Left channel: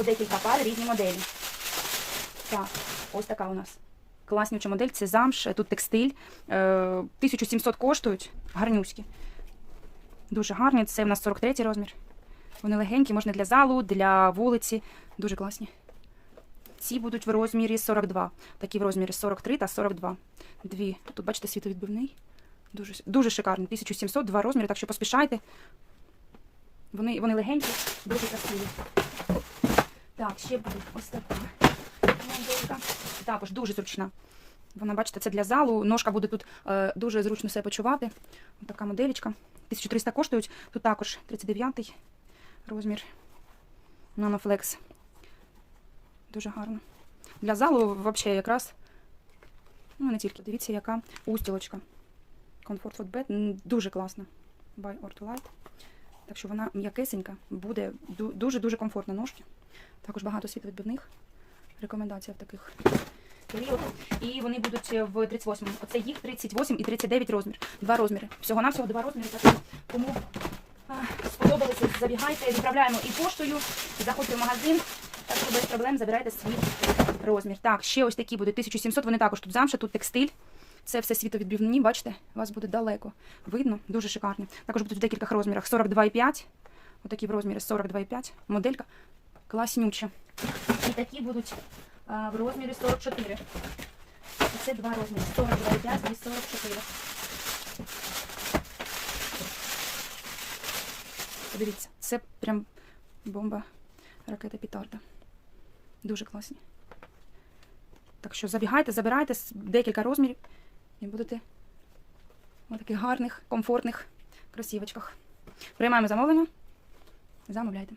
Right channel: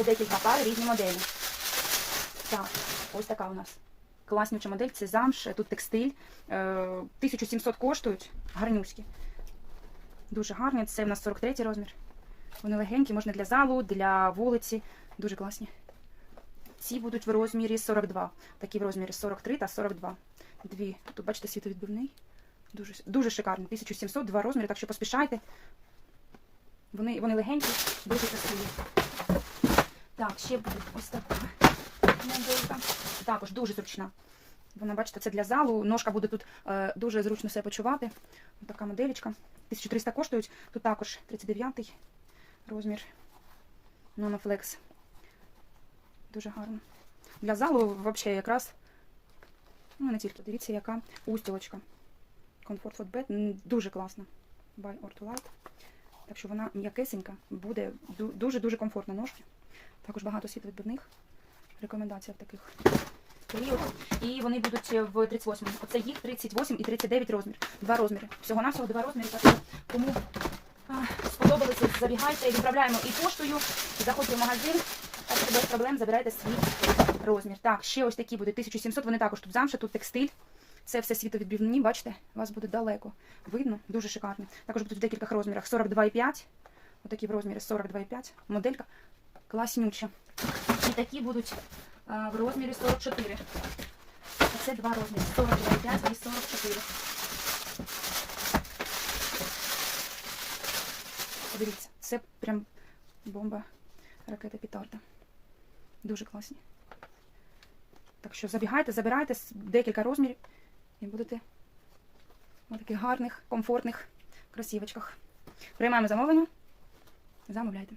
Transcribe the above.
у декілька пар різні моделі. Так, ось така у нас. Класнюча модель, це замш, тут текстиль. Е, 1700 коштують, гарнюські. Дуже гарні. Це у нас 43 розмір. Вони легенькі, можна для залу, для вулиці. Дуже класні. Ці будуть в розмірі 42. Такі в розмірі 43 та 42. Дві. Тут, бачите, світовідбивний. Дуже, дуже шикарний. 1700, два розміри, так що поспішайте. Вони, вони легенькі, дуже красиві. Так, ще буде ось така моделька. Також дуже зручна. Вона, бачите, це для залу. Ножка буде тут е, дуже зручно себе почувати. Ось така моделечка. 1300 коштують. Тут також 39 розмір. Нанофлекс. Дуже гарно. Для залу взагалі якраз. Ну, не тільки. Дивіться, яка устілочка. Comfort Footbed. Дуже класна. By Ortolite. Так що вона м'якесенька, буде дуже-дуже комфортна ножки. Також багато світловідбивних. Рекомендація в таких періодах. І вони будуть в 38. Оце їх 38 і 39 розмір. Два розміри. Всього-навсього два розміри. Так кому сподобалося, забігайте, відправляємо і поштою, заходьте в магазин, так що без проблем забирайте свій розмір. Так, ще ось такі будуть 1700, вони також тут замша, тут текстиль. Це все світовідбивні, бачите, у вас буде далеко. Видно, дуже шикарні. Також будуть в декількох розмірах 42,5. Отакі в розмірі 42,5. Моделька класнюча. І такі будуть а, в розмірі 44. Це два розміри 42,5 і 44. Подивіться, це прям бомба ракета Пітарда. Дуже класні. Так що забігайте, забирайте декілька розмірів і будете в таких гарних, комфортних кросівочках. Приймаємо замовлення. Замовляйте.